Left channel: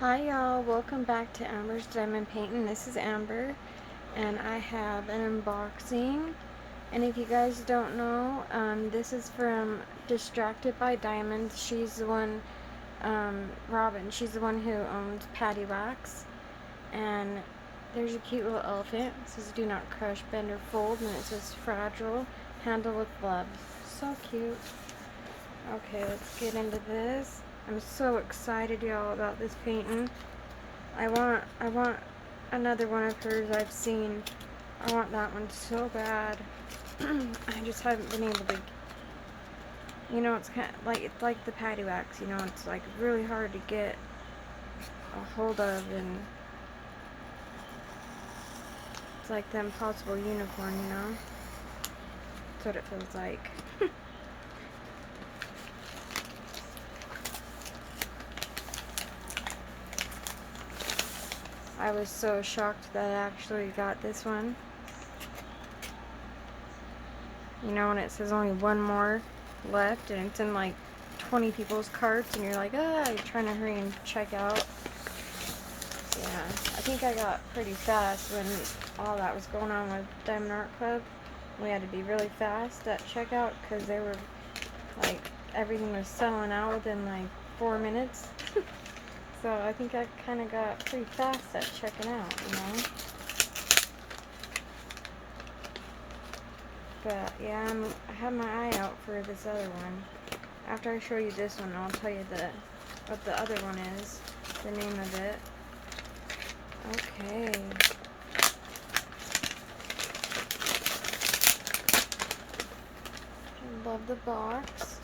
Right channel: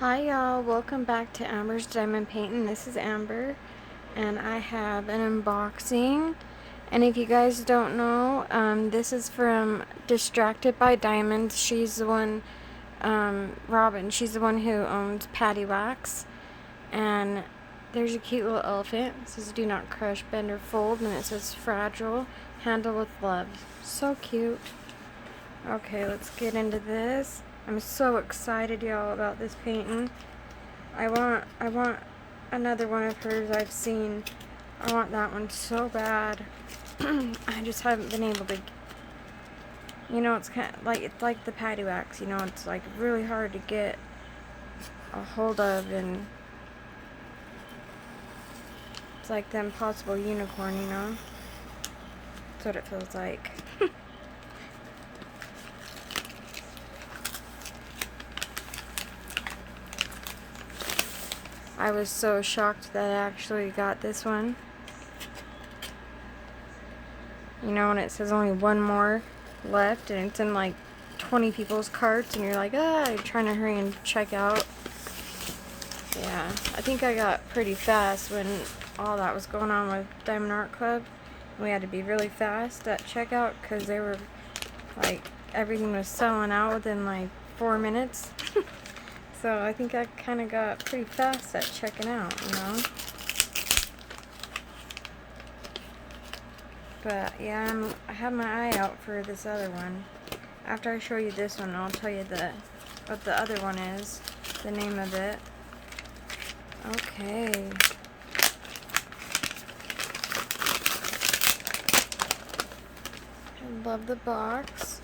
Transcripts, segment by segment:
Hi y'all, welcome back to Amber's Diamond Painting. This is Amber and I have an unboxing. And if you guys don't know, this is from Distracted by Diamonds. She's the one, Robin, she's the one who owns Patty Wax. And there's a cute little elephant. It says do not crush, bend or fold, and it says fragile, handle with love. So cute. Okay, let's get into this. I'm so excited, y'all, about this painting. I want another one of hers I've seen. I want that one so bad. I just haven't been able to. You know, it's kind of like the Patty Wax. You know, it's like really hard to get a hold of, and it's like the impossible unicorn. You know, that's what it feels like. I was so shocked that I actually got this one. You know, and it says only one more left, and it's in like 20 people's carts, and you're like, you're trying to hurry and check out. Yeah, I think I got pretty fast when all that was going on with Diamond Art Club. We had to be really fast at checkout because they were like, everything was selling out within like 4 minutes. So I think I kind of got pretty fast at checking out, you know. But yeah, I have my eye out for this other one. After I show you this one, I'll tell you what the other one is, the name of it. Okay. I love the box.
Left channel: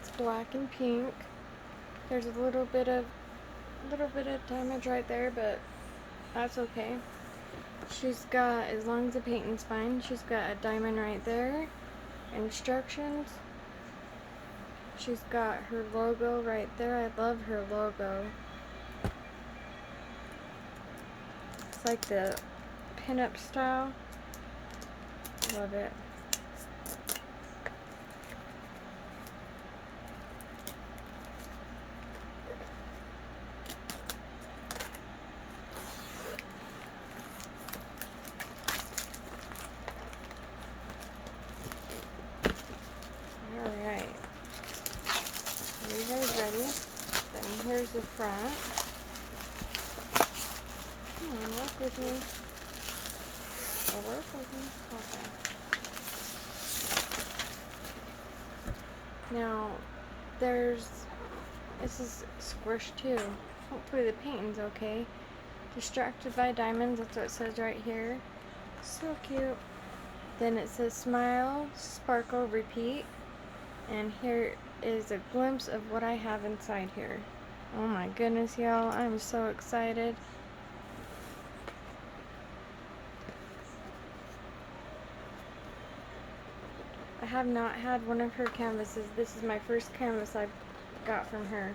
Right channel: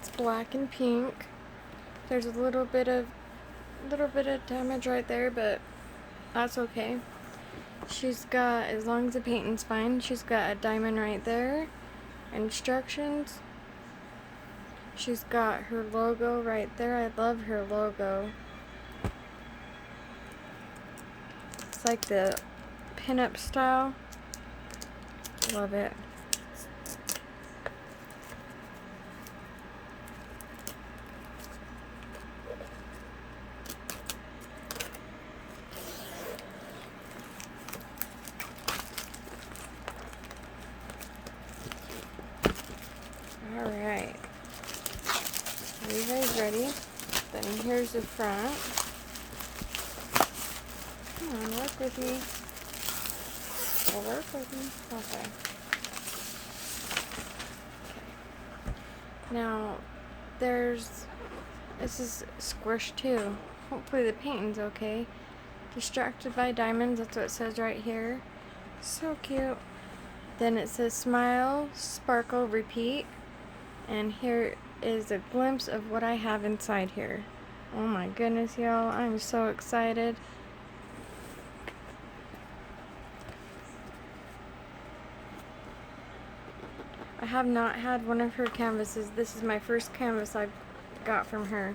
It's black and pink. There's a little bit of damage right there, but that's okay. She's got, as long as the painting's fine, she's got a diamond right there. Instructions. She's got her logo right there. I love her logo. It's like the pinup style. Love it. Alright. Are you guys ready? Then here's the front. Come on, work with me. Work with me. Okay. Now, this is squished too. Hopefully the painting's okay. Distracted by Diamonds, that's what it says right here. So cute. Then it says smile, sparkle, repeat. And here is a glimpse of what I have inside here. Oh my goodness, y'all. I'm so excited. I have not had one of her canvases. This is my first canvas I got from her.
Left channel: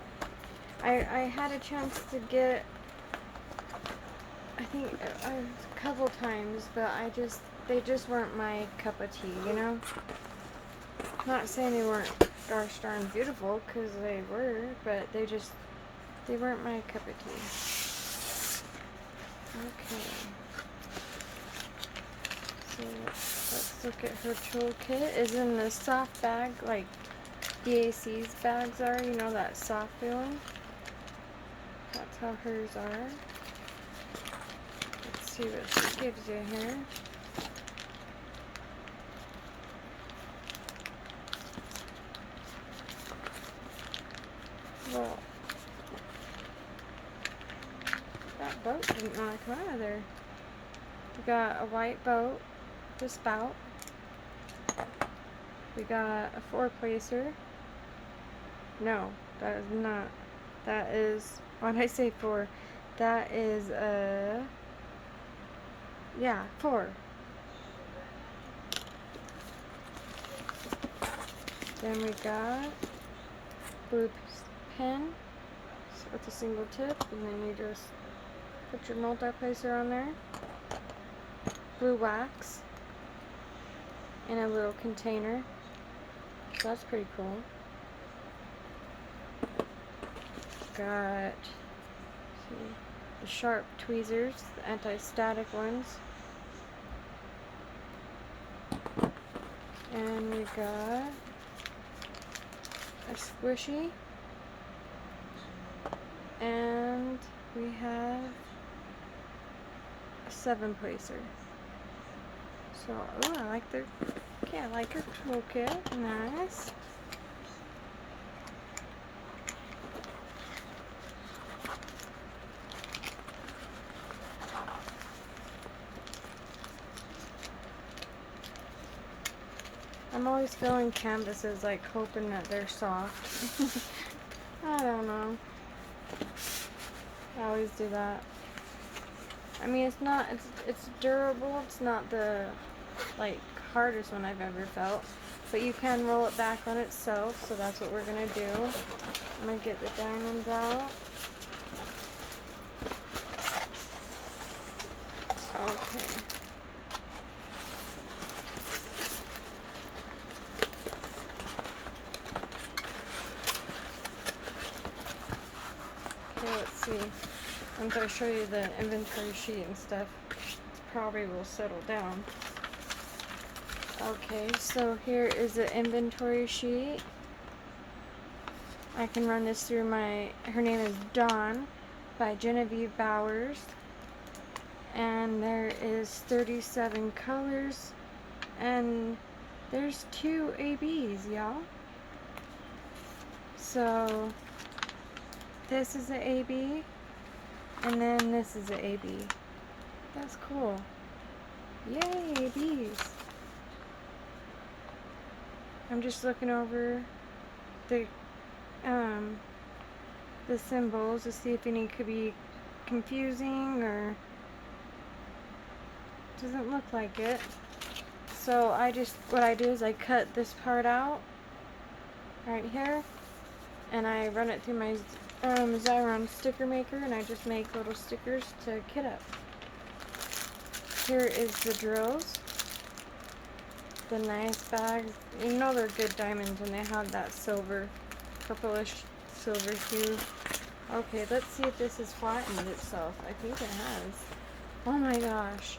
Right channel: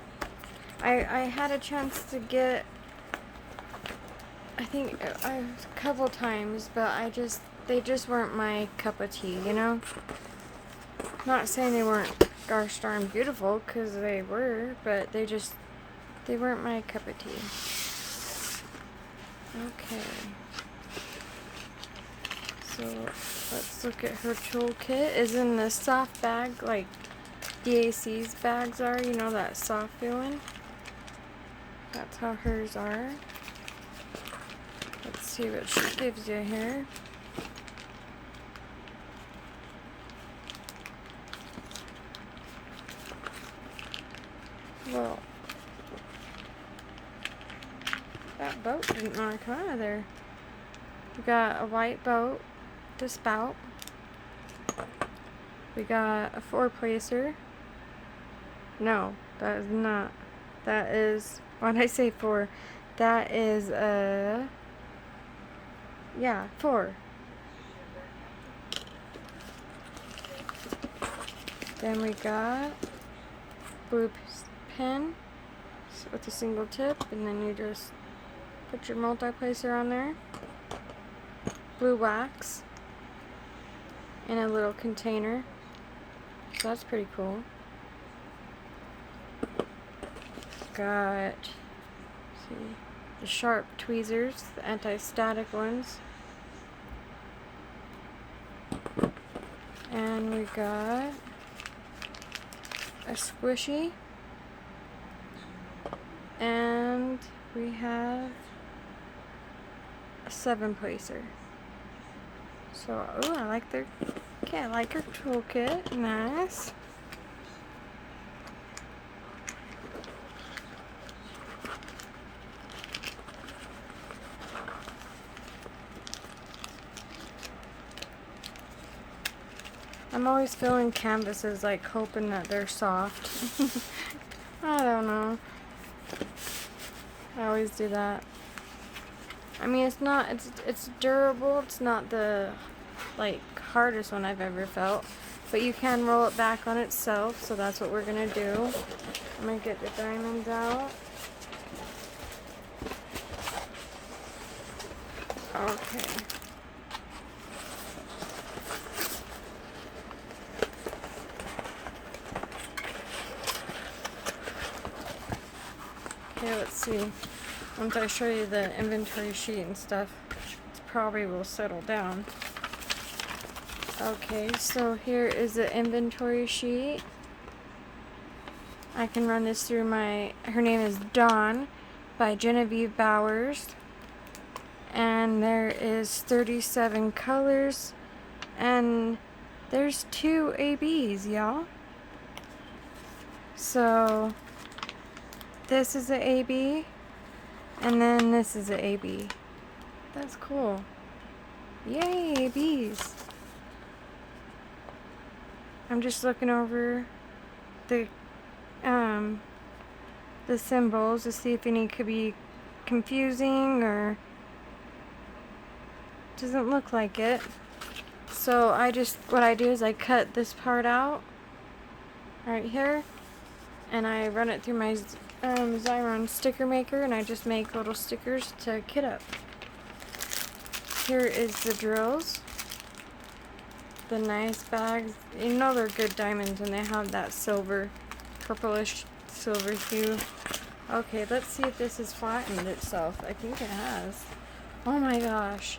I had a chance to get, I think, a couple times, but they just weren't my cup of tea, you know? Not saying they weren't gosh darn beautiful, because they were, but they weren't my cup of tea. Okay. So let's look at her toolkit. Is in the soft bag, like BAC's bags are, you know, that soft feeling. That's how hers are. Let's see what she gives you here. Well, that boat didn't want to come out of there. We got a white boat, the spout. We got a 4-placer. No, that is not. That is, why did I say 4? That is yeah, 4. Then we got blue pen with a single tip, and then you just put your multi-placer on there. Blue wax in a little container, so that's pretty cool. got, see, the sharp tweezers, the anti-static ones. And we got a squishy. And we have a 7-placer. So, oh, I like their, okay, I like her toolkit. Nice. I'm always filling canvases, like hoping that they're soft. I don't know. I always do that. I mean, it's durable. It's not the, like, hardest one I've ever felt. But you can roll it back on itself, so that's what we're gonna do. I'm gonna get the diamonds out. Okay. Okay, let's see. Once I show you the inventory sheet and stuff, it probably will settle down. Okay, so here is the inventory sheet. I can run this through her name is Dawn by Genevieve Bowers. And there is 37 colors. And there's 2 ABs, y'all. So this is the AB. And then this is the AB. That's cool. Yay, ABs. I'm just looking over the symbols to see if any could be confusing or doesn't look like it. So what I do is I cut this part out right here and I run it through my Xyron sticker maker and I just make little stickers to kit up. Here is the drills. The nice bags. You know they're good diamonds when they have that silver, purplish silver hue. Okay, let's see if this has flattened itself. I think it has. Oh my gosh.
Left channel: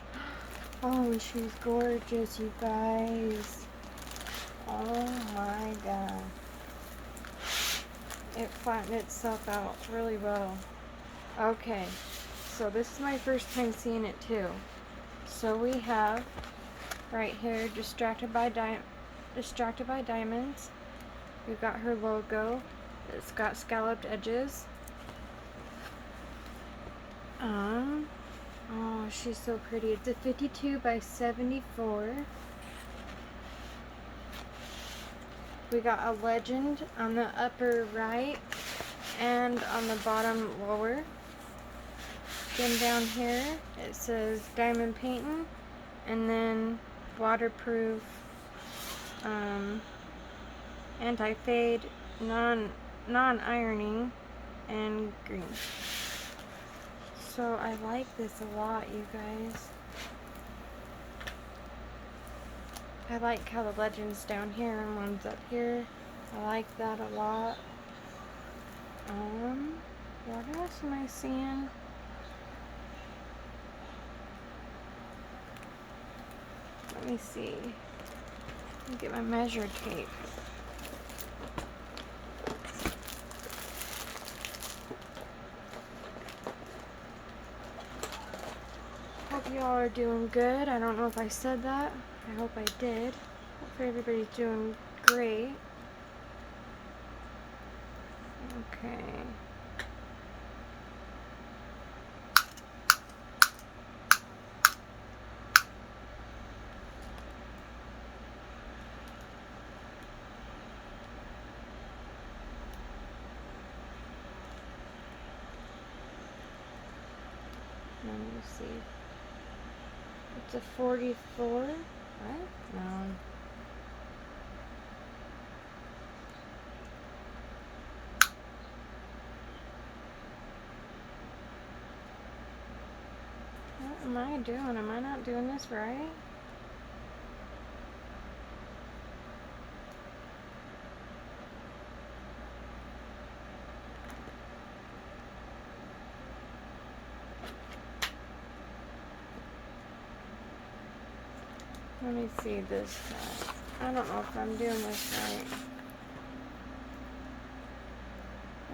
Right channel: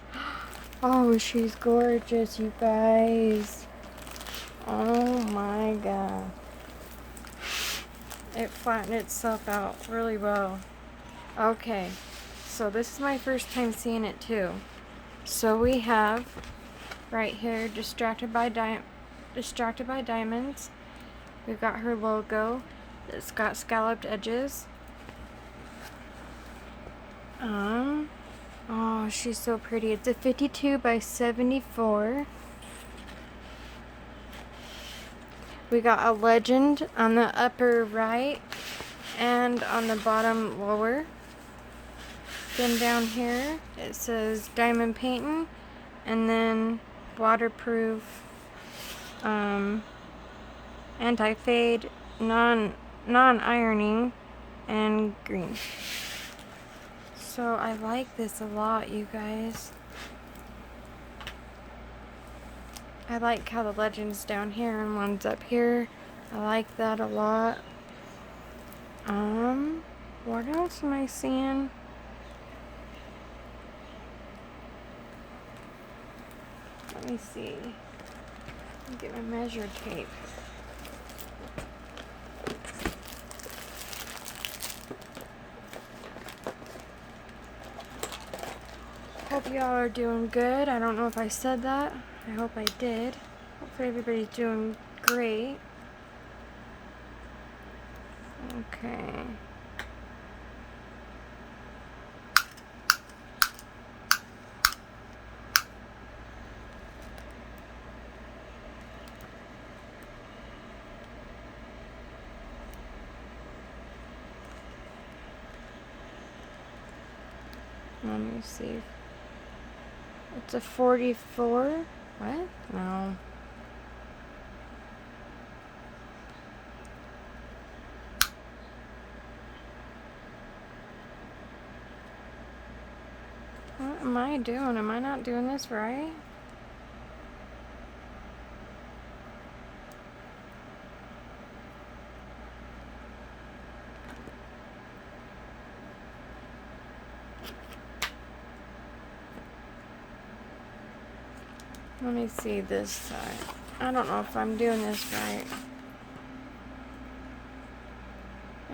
Oh, she's gorgeous, you guys. Oh my god. It flattened itself out really well. Okay, so this is my first time seeing it too. So we have right here, Distracted by Diamonds. We've got her logo. It's got scalloped edges. Oh, she's so pretty. It's a 52 by 74. We got a legend on the upper right and on the bottom lower. Then down here it says diamond painting and then waterproof, anti-fade, non-ironing, and green. So I like this a lot, you guys. I like how the legend's down here and one's up here. I like that a lot. What else am I seeing? Let me see. Let me get my measure tape. Hope y'all are doing good. I don't know if I said that. I hope I did. Hopefully everybody's doing great. Okay. Let me see. It's a 44. What? No. What am I doing? Am I not doing this right? Let me see this side. I don't know if I'm doing this right.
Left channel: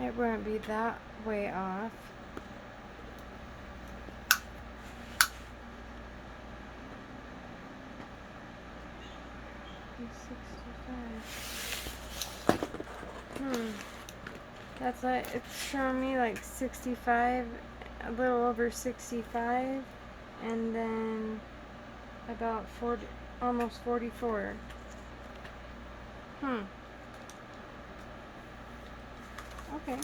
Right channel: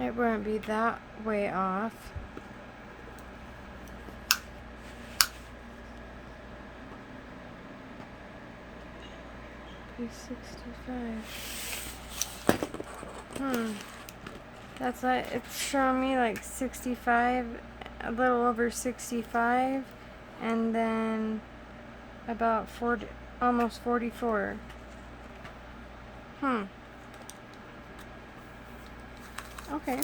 It wouldn't be that way off. $65. That's like, it's showing me like 65, a little over 65, and then about 40, almost 44. Okay.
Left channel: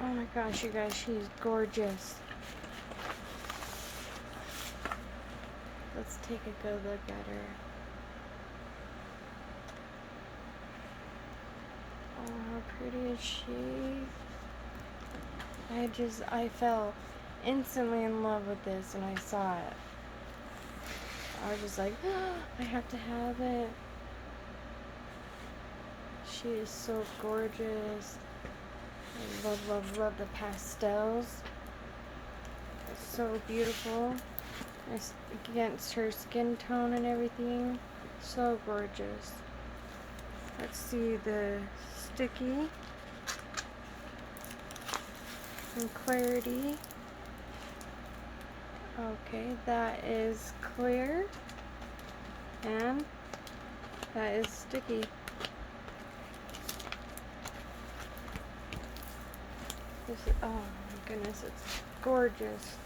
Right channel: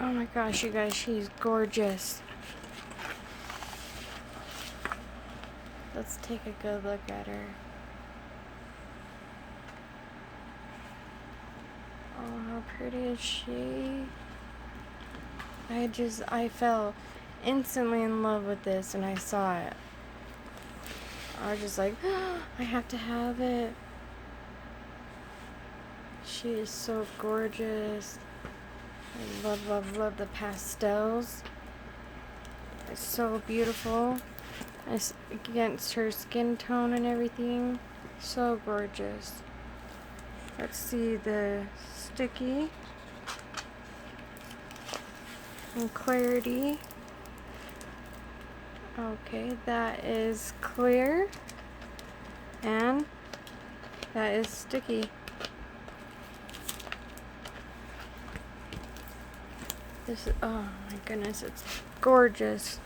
Oh my gosh, you guys, she's gorgeous. Let's take a good look at her. Oh, how pretty is she? I fell instantly in love with this when I saw it. I was just like, oh, I have to have it. She is so gorgeous. I love, love, love the pastels. It's so beautiful. It's against her skin tone and everything. So gorgeous. Let's see the sticky and clarity. Okay, that is clear and that is sticky. This is, oh my goodness, it's gorgeous.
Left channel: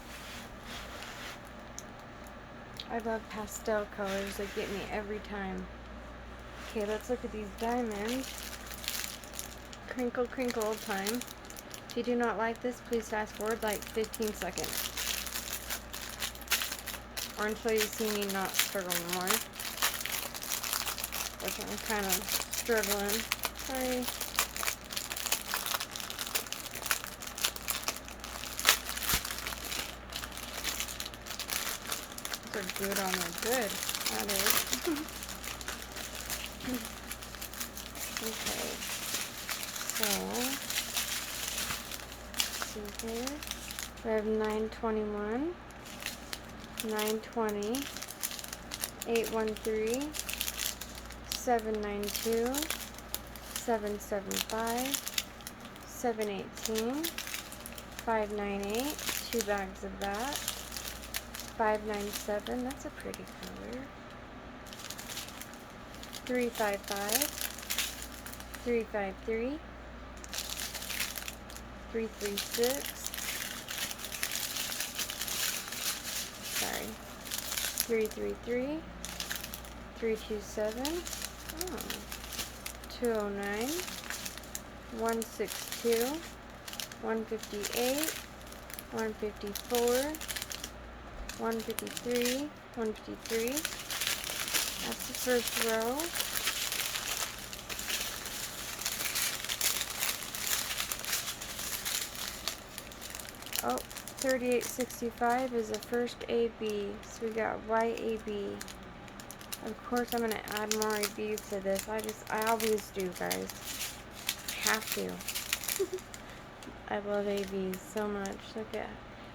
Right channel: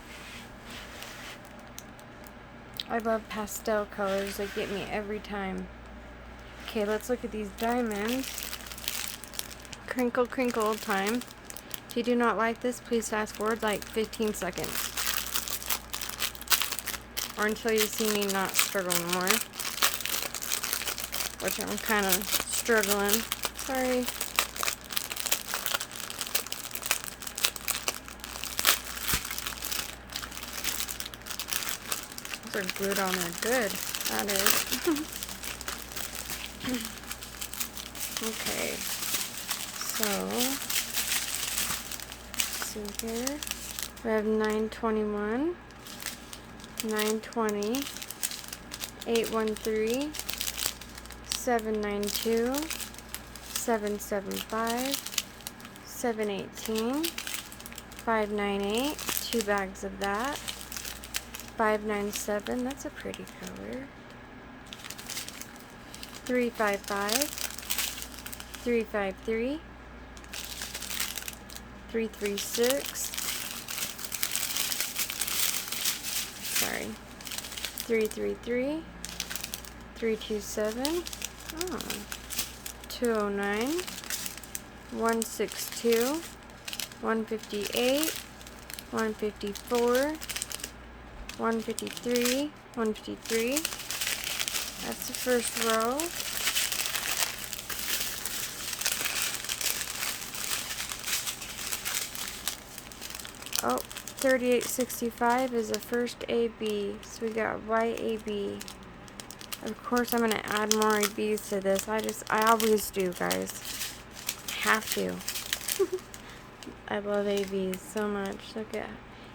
I love pastel colors. They get me every time. Okay, let's look at these diamonds. Crinkle, crinkle time. If you do not like this, please fast forward like 15 seconds. Or until you see me not struggling more. Which I'm kind of struggling. Sorry. Those are good on there. Good. That is. Okay. So, let's see here. We have 921, 920, 813, 792, 775, 718, 598, 2 bags of that, 597, that's a pretty color, 355, 353, 336, sorry, 333, 327, 209, 162, 158, 154, 153, 153. That's the first row. Oh, 3865 is the first AB. So we got white AB. Of course, I'm going to add more ABs to this. I always do, guys. Have to. I love ABs so much. Look at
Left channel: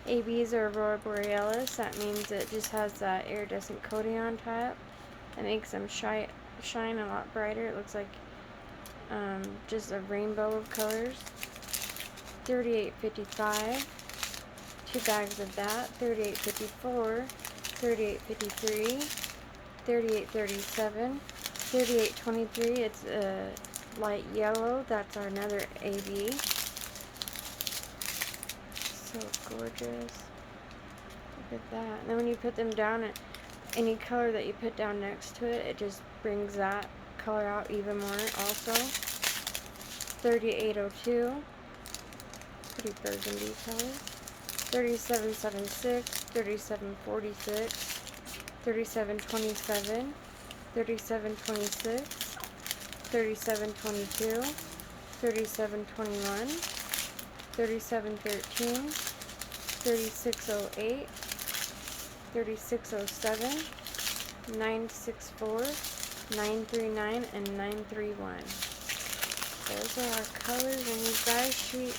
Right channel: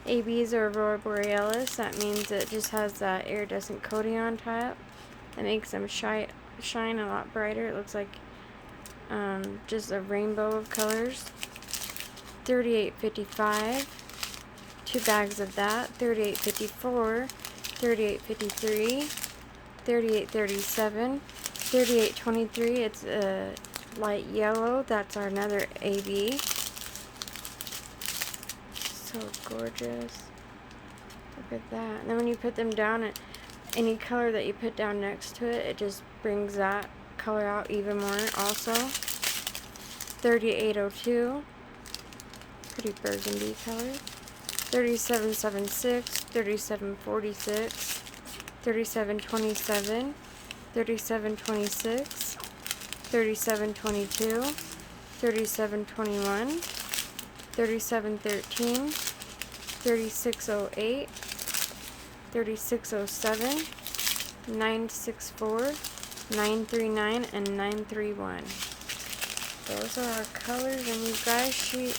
ABs or Aurora Borealis. That means it just has that iridescent coating on top. That makes them shine a lot brighter. It looks like just a rainbow of colors. 3855. 2 bags of that. 3854. 3853. 3837. 3823. It's a light yellow. That's another AB. So gorgeous. Look at that. And then when you put them down, any color that you put down next to it, it just brings that color out even more also. 3802. Pretty burgundy color. 3776. 3746. 3727. 3726. 3722. 3721. 3713, 3608, 3607, 964, 939, and 931. Those are our colors, and you guys, she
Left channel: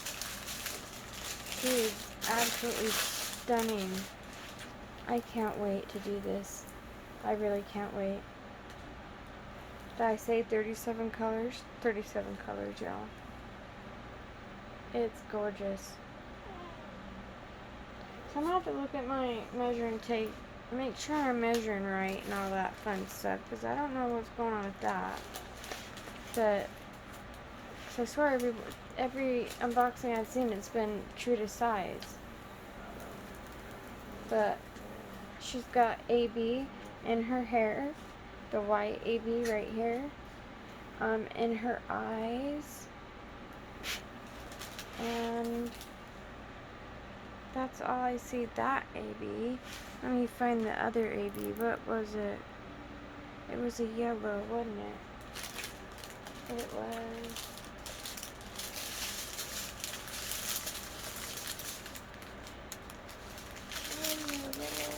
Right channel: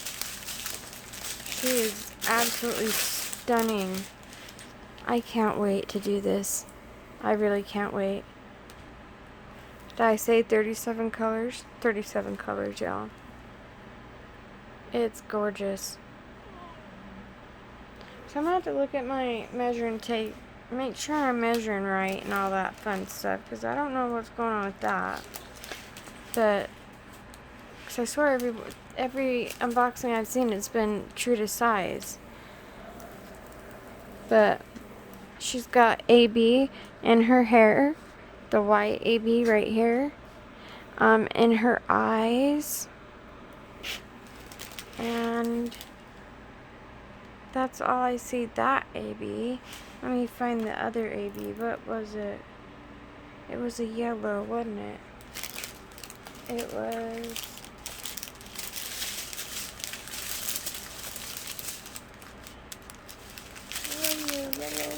is absolutely stunning. I can't wait to do this. I really can't wait. Did I say 37 colors? 37 colors, y'all. It's gorgeous. So I'm gonna have to look at my measuring tape, make sure I'm measuring right and all that fun stuff, because I don't know what's going on with that. But, because I swear every unboxing I've seen, it's been true to size. But she's got AB in her hair, the white AB right here, in her eyes, and that's all I see. That AB. Let me find the other AB. What was it? It was a yellow, wasn't it? It was... yellow.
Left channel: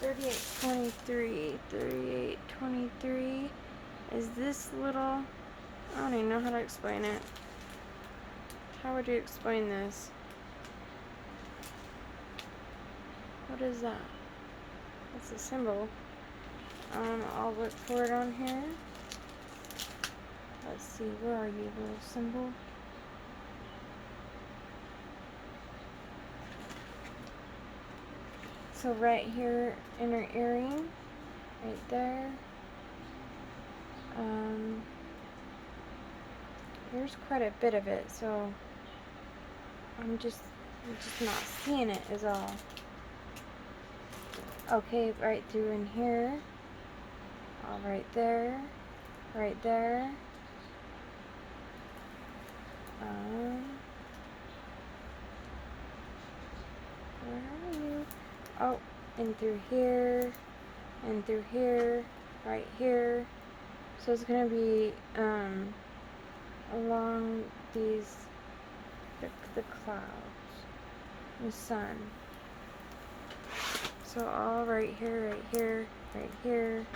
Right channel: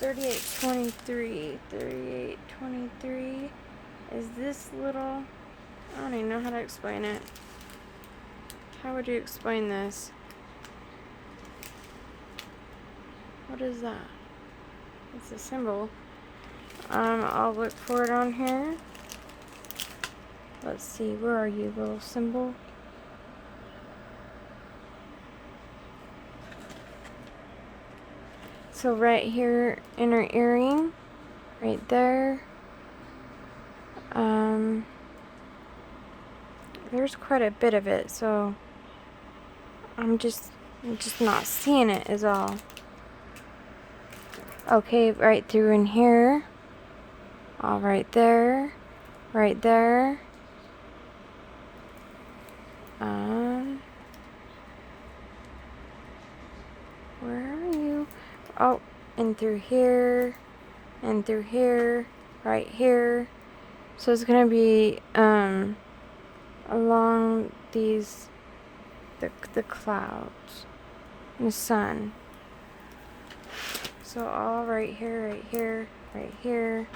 3823 is this little... I don't even know how to explain it. How would you explain this? What is that? It's a symbol. I'll look for it on here. Let's see, where are you, little symbol? So right here in her earring, right there, there's quite a bit of it, so I'm just not seeing it is all. Okay, right through in here, all right there, right there. Where are you? Oh, and through here, right here. So it's gonna be along these the clouds, and the sun. So all right here, right here, right here.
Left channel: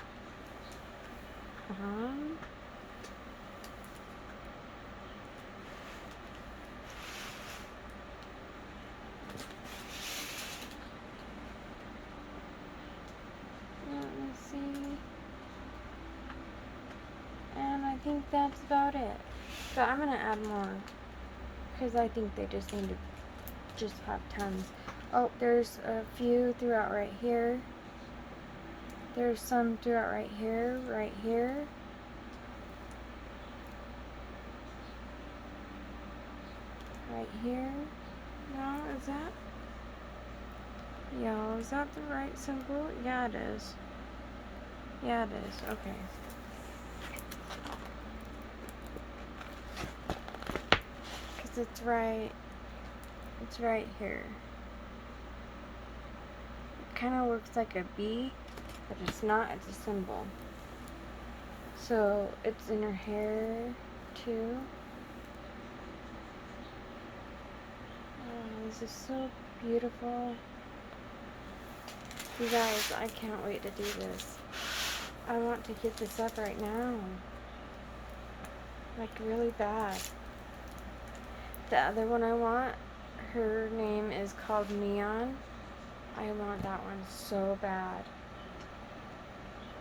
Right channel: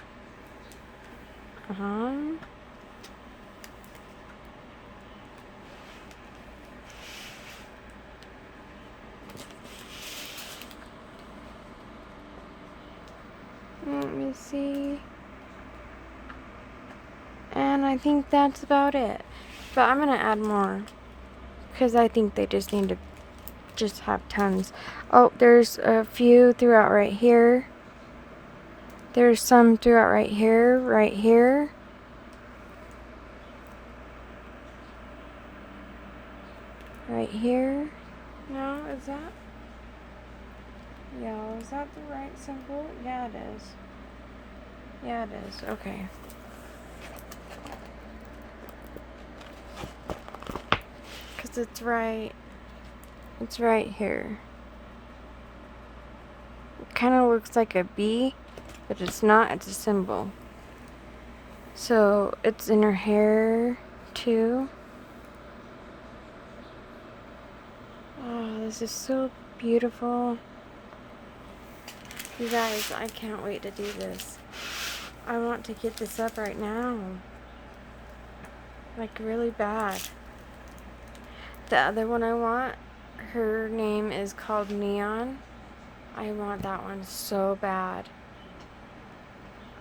Let me see. And I think that's about it. But I'm gonna add more, because I think they just need to just have tons. Oh, there's a few throughout right here. There's some throughout right here, right here. Right here. No, is that? Yo, is that the right symbol? Yeah, it is. Yeah, it is. Okay. Because it's right here. It kind of looks like a B, but it's not. It's a symbol. So it's in her hair too. Oh, this is so beautiful. You guys, I can't wait to do this. I want to get this up right now. Like, really bad. The other one I want, her name is called Neon. I want that one so bad.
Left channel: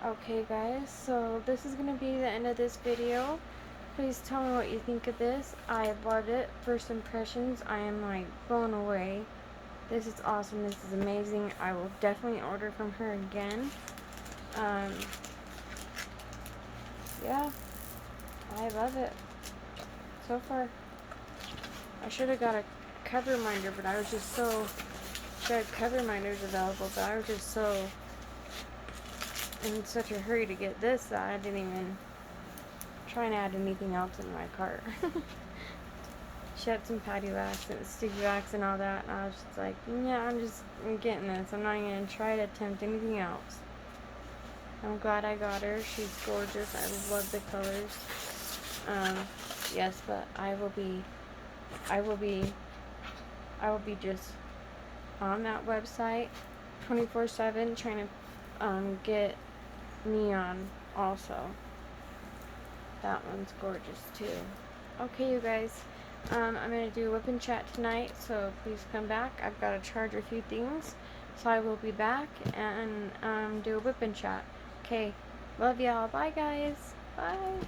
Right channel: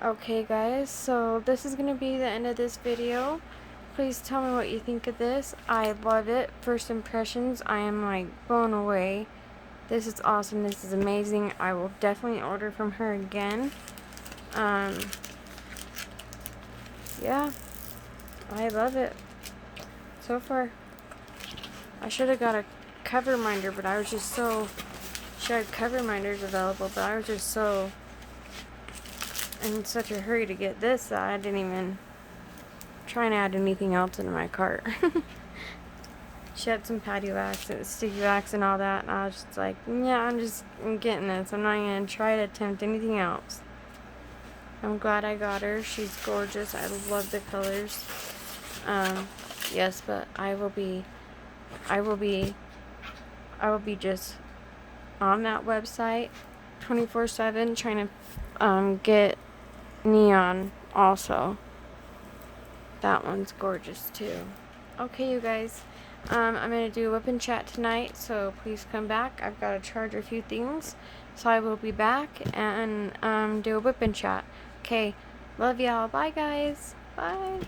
Okay, guys, so this is going to be the end of this video. Please tell me what you think of this. I love it. First impressions, I am like blown away. This is awesome. This is amazing. I will definitely order from her again. Yeah, I love it so far. I should have got a cover minder, but I was just so... She had cover minders available, but I was just so in such a hurry to get this that I didn't even try and add anything else into my cart. She had some patty wax and sticky wax and all that, and I was just like, yeah, I'm getting this. I'm not going to try to attempt anything else. I'm glad I got her. She's gorgeous. I love the colors. Yes, but I will be just on that website 24/7 trying to get Neon also. That one's gorgeous too. Okay, you guys, I'm going to do a whip and chat tonight, so please come back. I've got to charge a few things, so I will be back and do a whip and chat. Okay, love y'all. Bye, guys. Bye.